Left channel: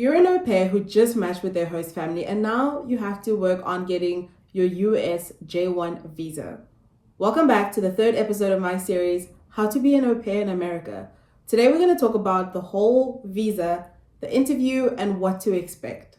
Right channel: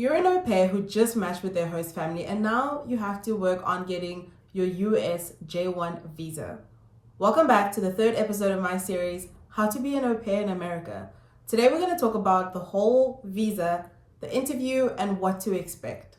You're an au pair who just matched with their host family, and now you have to work on getting your US J-1 visa. Welcome back to the third episode of my series, How to Be an Au Pair in America. Today we're going to talk about the whole visa, the interview, and what to expect.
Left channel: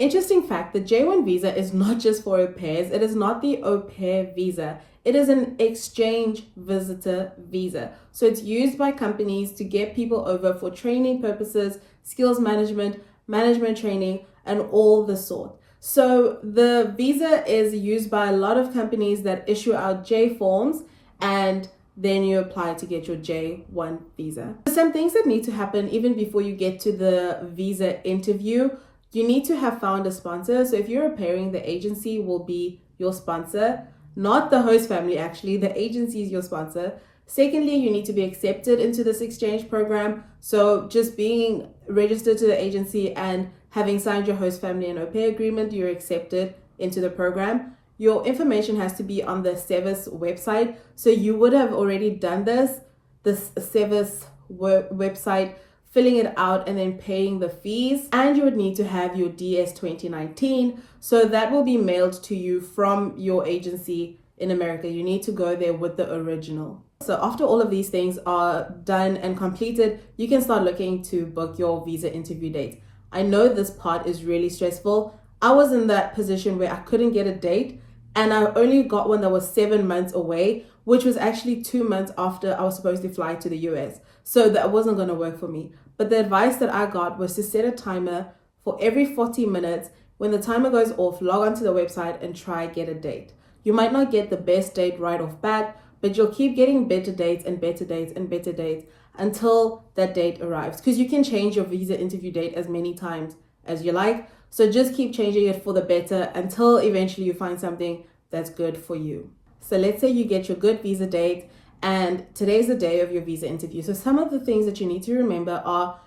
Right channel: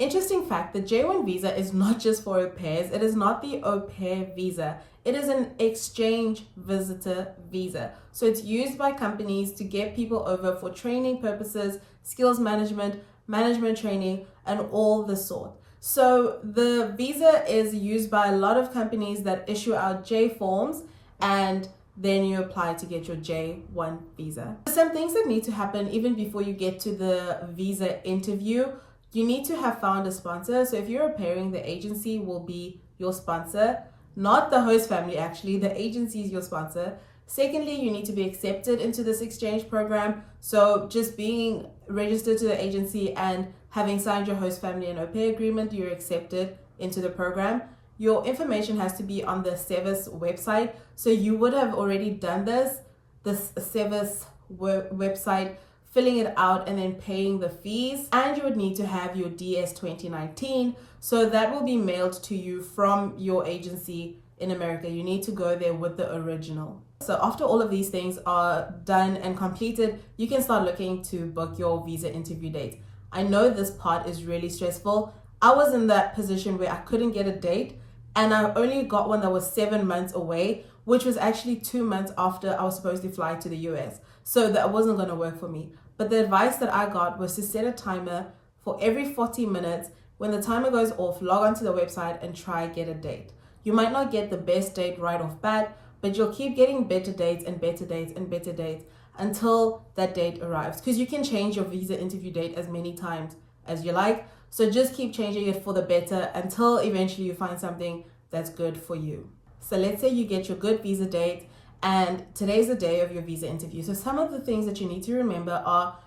Interesting fact, the J-1 visa is not just for au pairs. It is not the au pair visa. It is an exchange visitor visa. So it's used by companies to get people over for training purposes, skills management, management training, and all the sort. So the visa is used by a lot of companies that issue out J forms, and then you apply to get your J-1 visa. Some things that need to happen even before you get to the visa interview. You need to have found a sponsor. So if you're au pairing, the agency will be your sponsor, not the host family actually. The agency is your sponsor. Secondly, you need to be accepted into this exchange program. So just being registered to the agency and having signed your host family and au pair agreement, you're accepted into the program. Your information has to be on the SEVIS website. So you would have already done this SEVIS website, filling it out and then paying the fees. And you would need to have your DS 2019. So that will be mailed to you from your agency in America. You need to go there with the original. So after all of these things are done and completed, you can start looking to book your visa interview date. I know this part is really stressful. I was in that position where I couldn't get a date, and I only got one that was 7 months away, which was actually 2 months after I was supposed to fly to the US. So that wasn't going to work for me. But the advice that I got was to set a timer for every 40 minutes. When the timer goes off, log onto the website and try get a date. You might not get the best date right off bat, but you'll keep getting better dates and better dates and better dates until that date arrives. Because you can change your visa interview date as many times as you like. So just keep changing it for the better until eventually you find something that's good for you. So let's say you get your good visa date, and today's the day of your visa interview. So some of the things that you need to remember are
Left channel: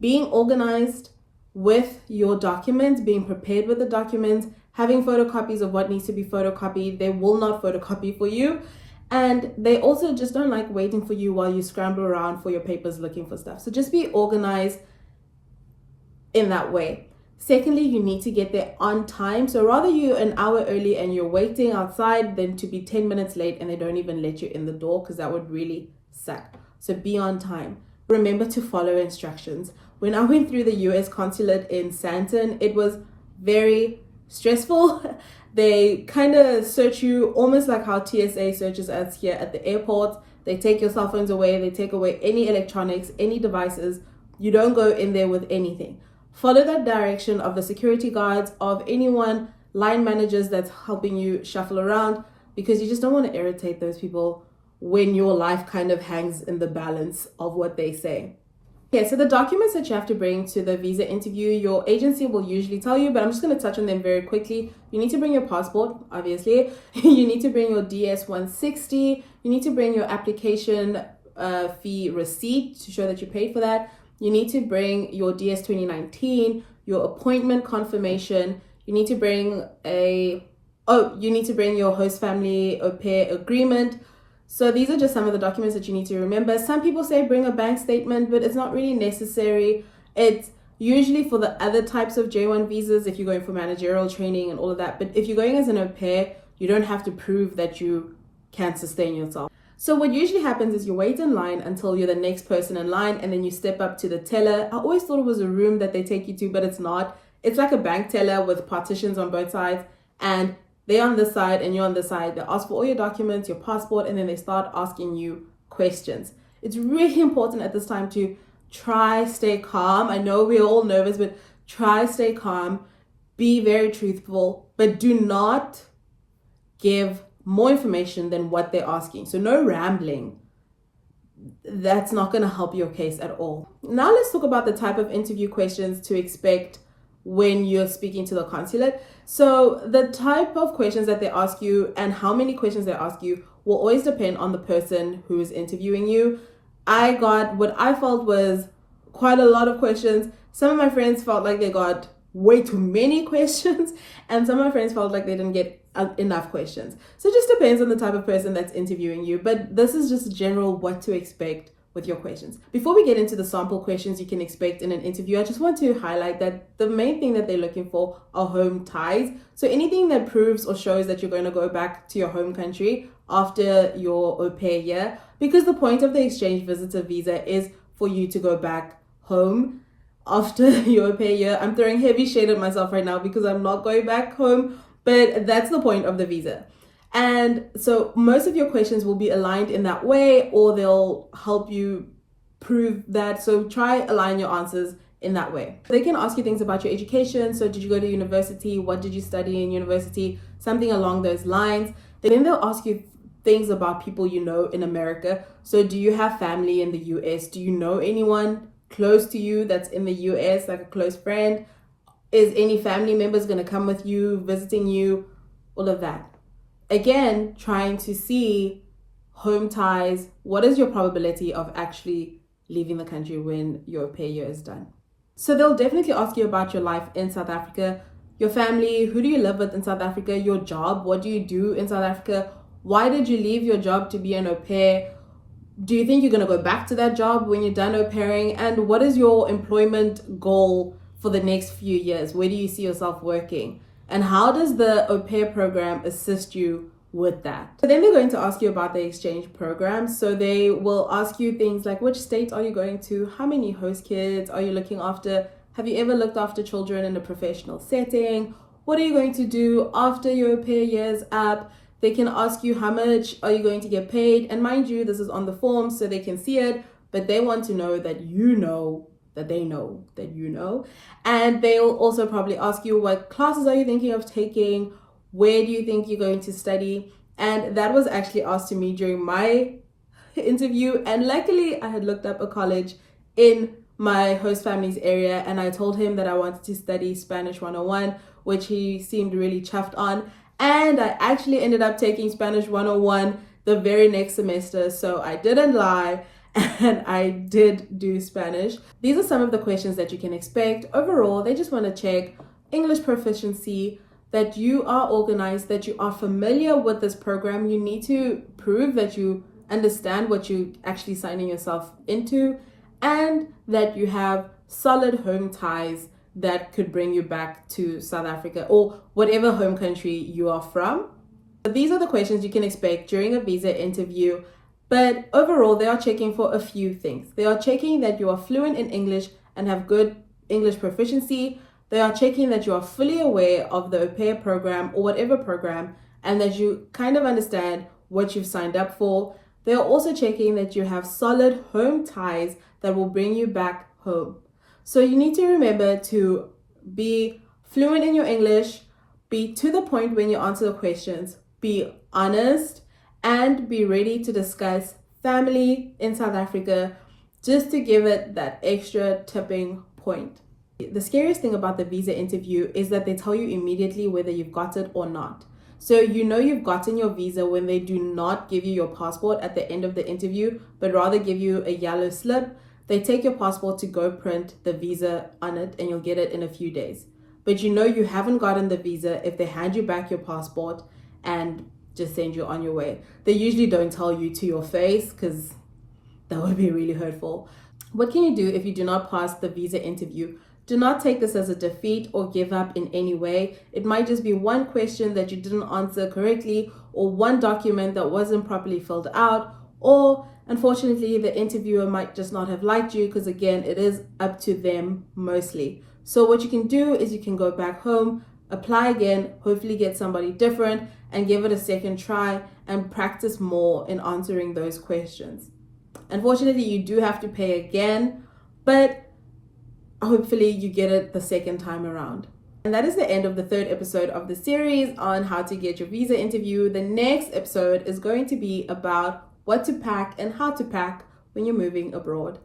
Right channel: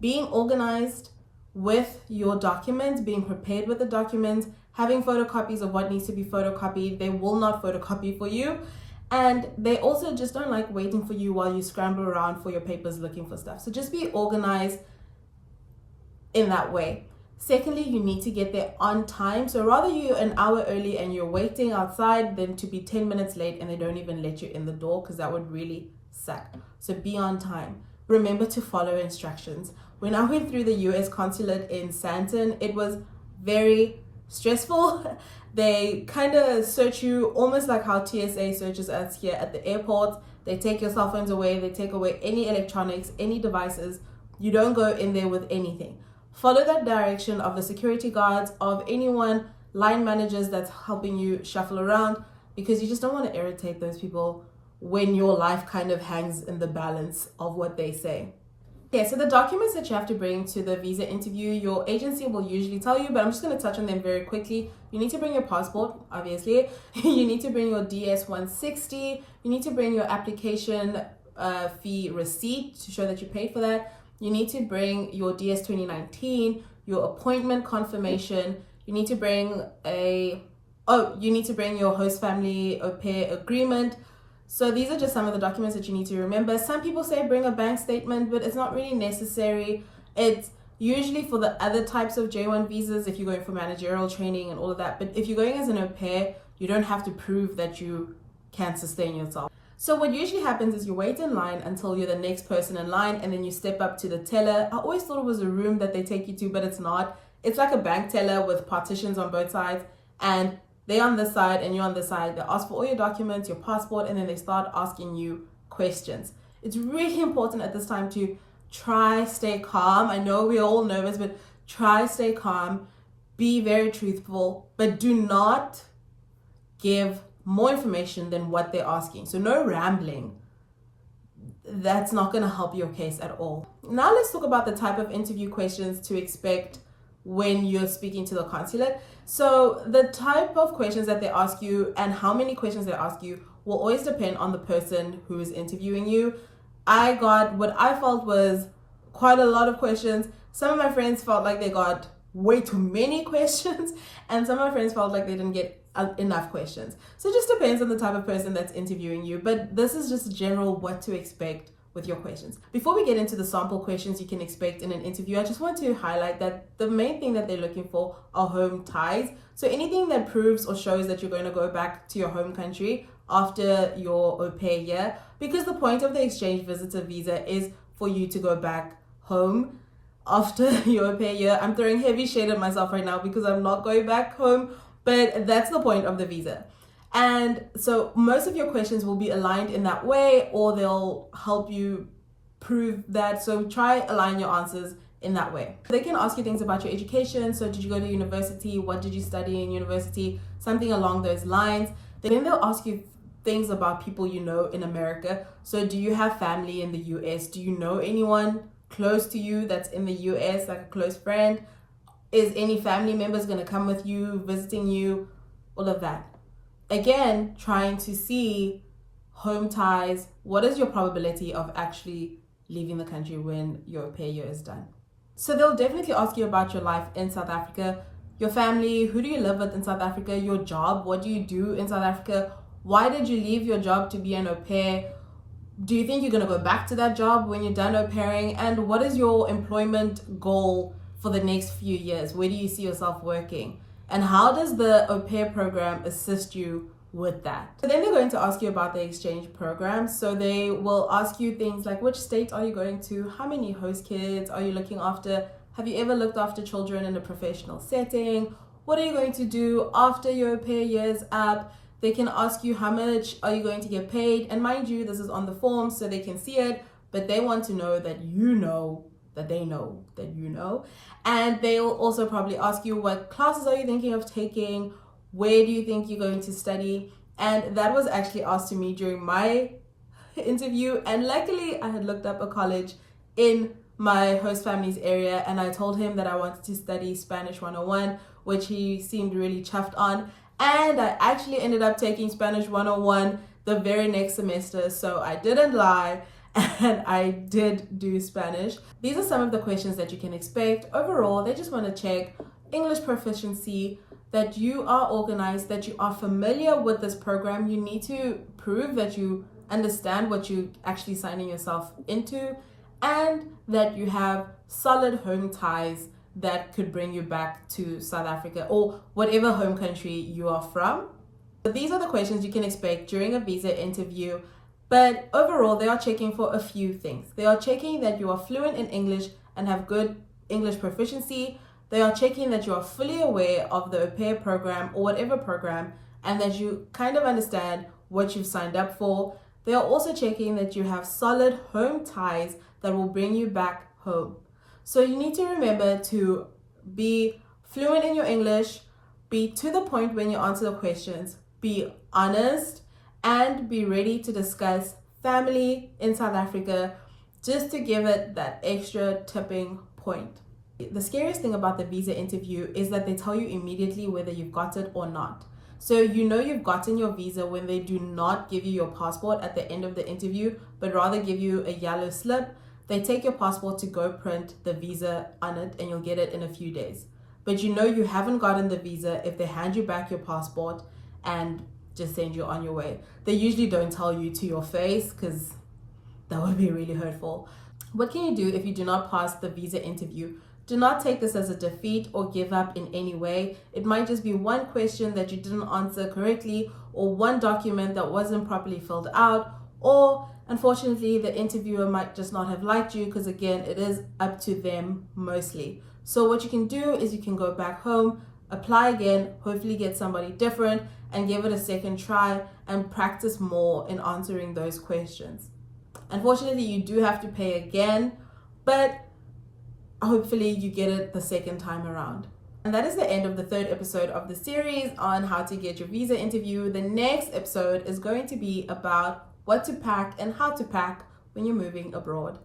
being organized with your documents, being prepared with the documents, having photocopies of what needs to be photocopied. They will not photocopy for you. And they also just don't like waiting for you while you scramble around for your papers looking for stuff. So just be organized in that way. Secondly, you need to get there on time. So rather you're an hour early and you're waiting outside than to be 10 minutes late and they don't even let you in the door, because that would really suck. So be on time. Remember to follow instructions. When I went through the US consulate in Santon, it was very stressful. They kind of search you almost like how TSA searches us here at the airport. They take your cell phones away. They take away any electronics, any devices. You don't go in there with anything. Follow that direction of the security guards, of anyone, line managers that's helping you shuffle around, because you just don't want to irritate those people when your life kind of hangs in the balance of what they say. Okay, so the documents that you have to bring to the visa interview, your agency will usually tell you, but I'm just going to touch on them very quickly. You need to bring your passport, obviously. You need to bring your DS 160. You need to bring your application fee receipt to show that you paid for that. You need to bring your DS 2019, your appointment confirmation. You need to bring your host family au pair agreement. So these are just some of the documents that you need to remember. Some people say bring a bank statement, but it's not really necessary. It's usually for the other types of J-1 visas if you're going for managerial training and all of that. But if you're going as an au pair, you don't have to prove that you can sustain yourself. So what usually happens is you wait in line until you're the next person in line, and then you step up to the teller. I always thought it was a room that they take you to, but it's not. It's like a bank teller with partitions on both sides, and they're on this side and you're on this side. They ask for all your documents, your passport, and then they start asking you questions. It's really important at this time to try stay calm. I know we're all nervous, but try stay calm. Be very truthful, but do not give more information than what they're asking. So no rambling. That's not going to help your case at all. Now let's talk about the type of interview questions to expect when you're speaking to the consulate. So the type of questions that they ask you and how many questions they ask you will always depend on the person who is interviewing you. I got what I felt was quite a lot of questions. Some of my friends felt like they got way too many questions, and some of my friends felt like they didn't get enough questions. So it just depends on the type of person that's interviewing you, but this is just general what to expect with your questions. Before we get into the sample questions you can expect in an interview, I just want to highlight that the main thing that they're looking for are home ties. So anything that proves or shows that you're going to go back to your home country after your au pair year, because the point of the exchange visitor visa is for you to go back home after your au pair year. I'm throwing heavy shade at myself right now because I'm not going back home, but that's the point of the visa. And so most of your questions will be aligned in that way, or they'll help you prove that. So try align your answers in that way. They can ask you things about your education. So did you go to university? What did you study in university? Something along those lines. Then they'll ask you things about people you know in America. So do you have family in the US? Do you know anyone close to you that's in the US, like a close friend? Is any family members going to come with you, visiting you? All of that. Again, trying to see home ties. What is your probability of actually leaving the country when your au pair year is done? So they'll definitely ask you about your life in South Africa, your family, who do you live with in South Africa, your job, what do you do in South Africa, why did you leave your job to be an au pair? Do you think you're going to go back to that job when you're done au pairing? And what is your employment goal for the next few years? Where do you see yourself working? And how does the au pair program assist you with that? So then they're going to ask you about the exchange program. So they will ask you things like, which state are you going to? How many host kids are you looking after? Have you ever looked after children in a professional setting? What are you going to do after your au pair year's up? They can ask you how much are you going to get paid? And mind you, this is on the form so they can see it, but they want to know that you know that they know that you know. And they will also probably ask you, what classes are you thinking of taking? Where do you think you're going to study? And that was actually asked to me during my interview. And luckily I had looked up a college in my host family's area, and I told him that I wanted to study Spanish 101, which he seemed really chuffed on. And I actually ended up taking Spanish 101 the very next semester. So I didn't lie, and I did do Spanish. These are some of the questions that you can expect. Overall, they just want to check English proficiency, that you are organized, that you are familiar with this program. You need to prove that you understand what you're actually signing yourself into, and that you have solid home ties that could bring you back to South Africa or whatever home country you are from. So these are the questions you can expect during a visa interview. But overall, they are checking for a few things. They are checking that you are fluent in English and have good English proficiency. They are checking that you are fully aware of the au pair program or whatever program, and that you kind of understand what you've signed up for. They are also checking that you have solid home ties that will bring you back home. So you need to remember to be fluent in your English, be to the point when you answer the questions, be honest, and be ready to discuss family in South Africa, just to give it that extra tipping point. The scariest thing about the visa interview is that they tell you immediately whether you've got it or not. So you know you've gotten your visa when they do not give you your passport at the end of the interview, but rather give you a yellow slip. They take your passport to go print the visa on it, and you'll get it in a few days. But you know you haven't gotten the visa if they hand you back your passport and just send you on your way. They usually don't tell you to your face, because that would be really hurtful. What can you do if you do not pass the visa interview? Do not take this as a defeat or give up in any way. It might just be one question that you didn't answer correctly, or one document that wasn't properly filled out, or unfortunately the interviewer might just not have liked you, because again, it is up to them mostly. So what you can do is you can go back home, apply again, hopefully get somebody different, and give it a second try and practice more in answering those questions. Unfortunately, you do have to pay again, but hopefully you get it the second time around. And that is the end of the third episode of the series on how to get your visa interview. The next episode is going to be about what to pack and how to pack when you're moving abroad.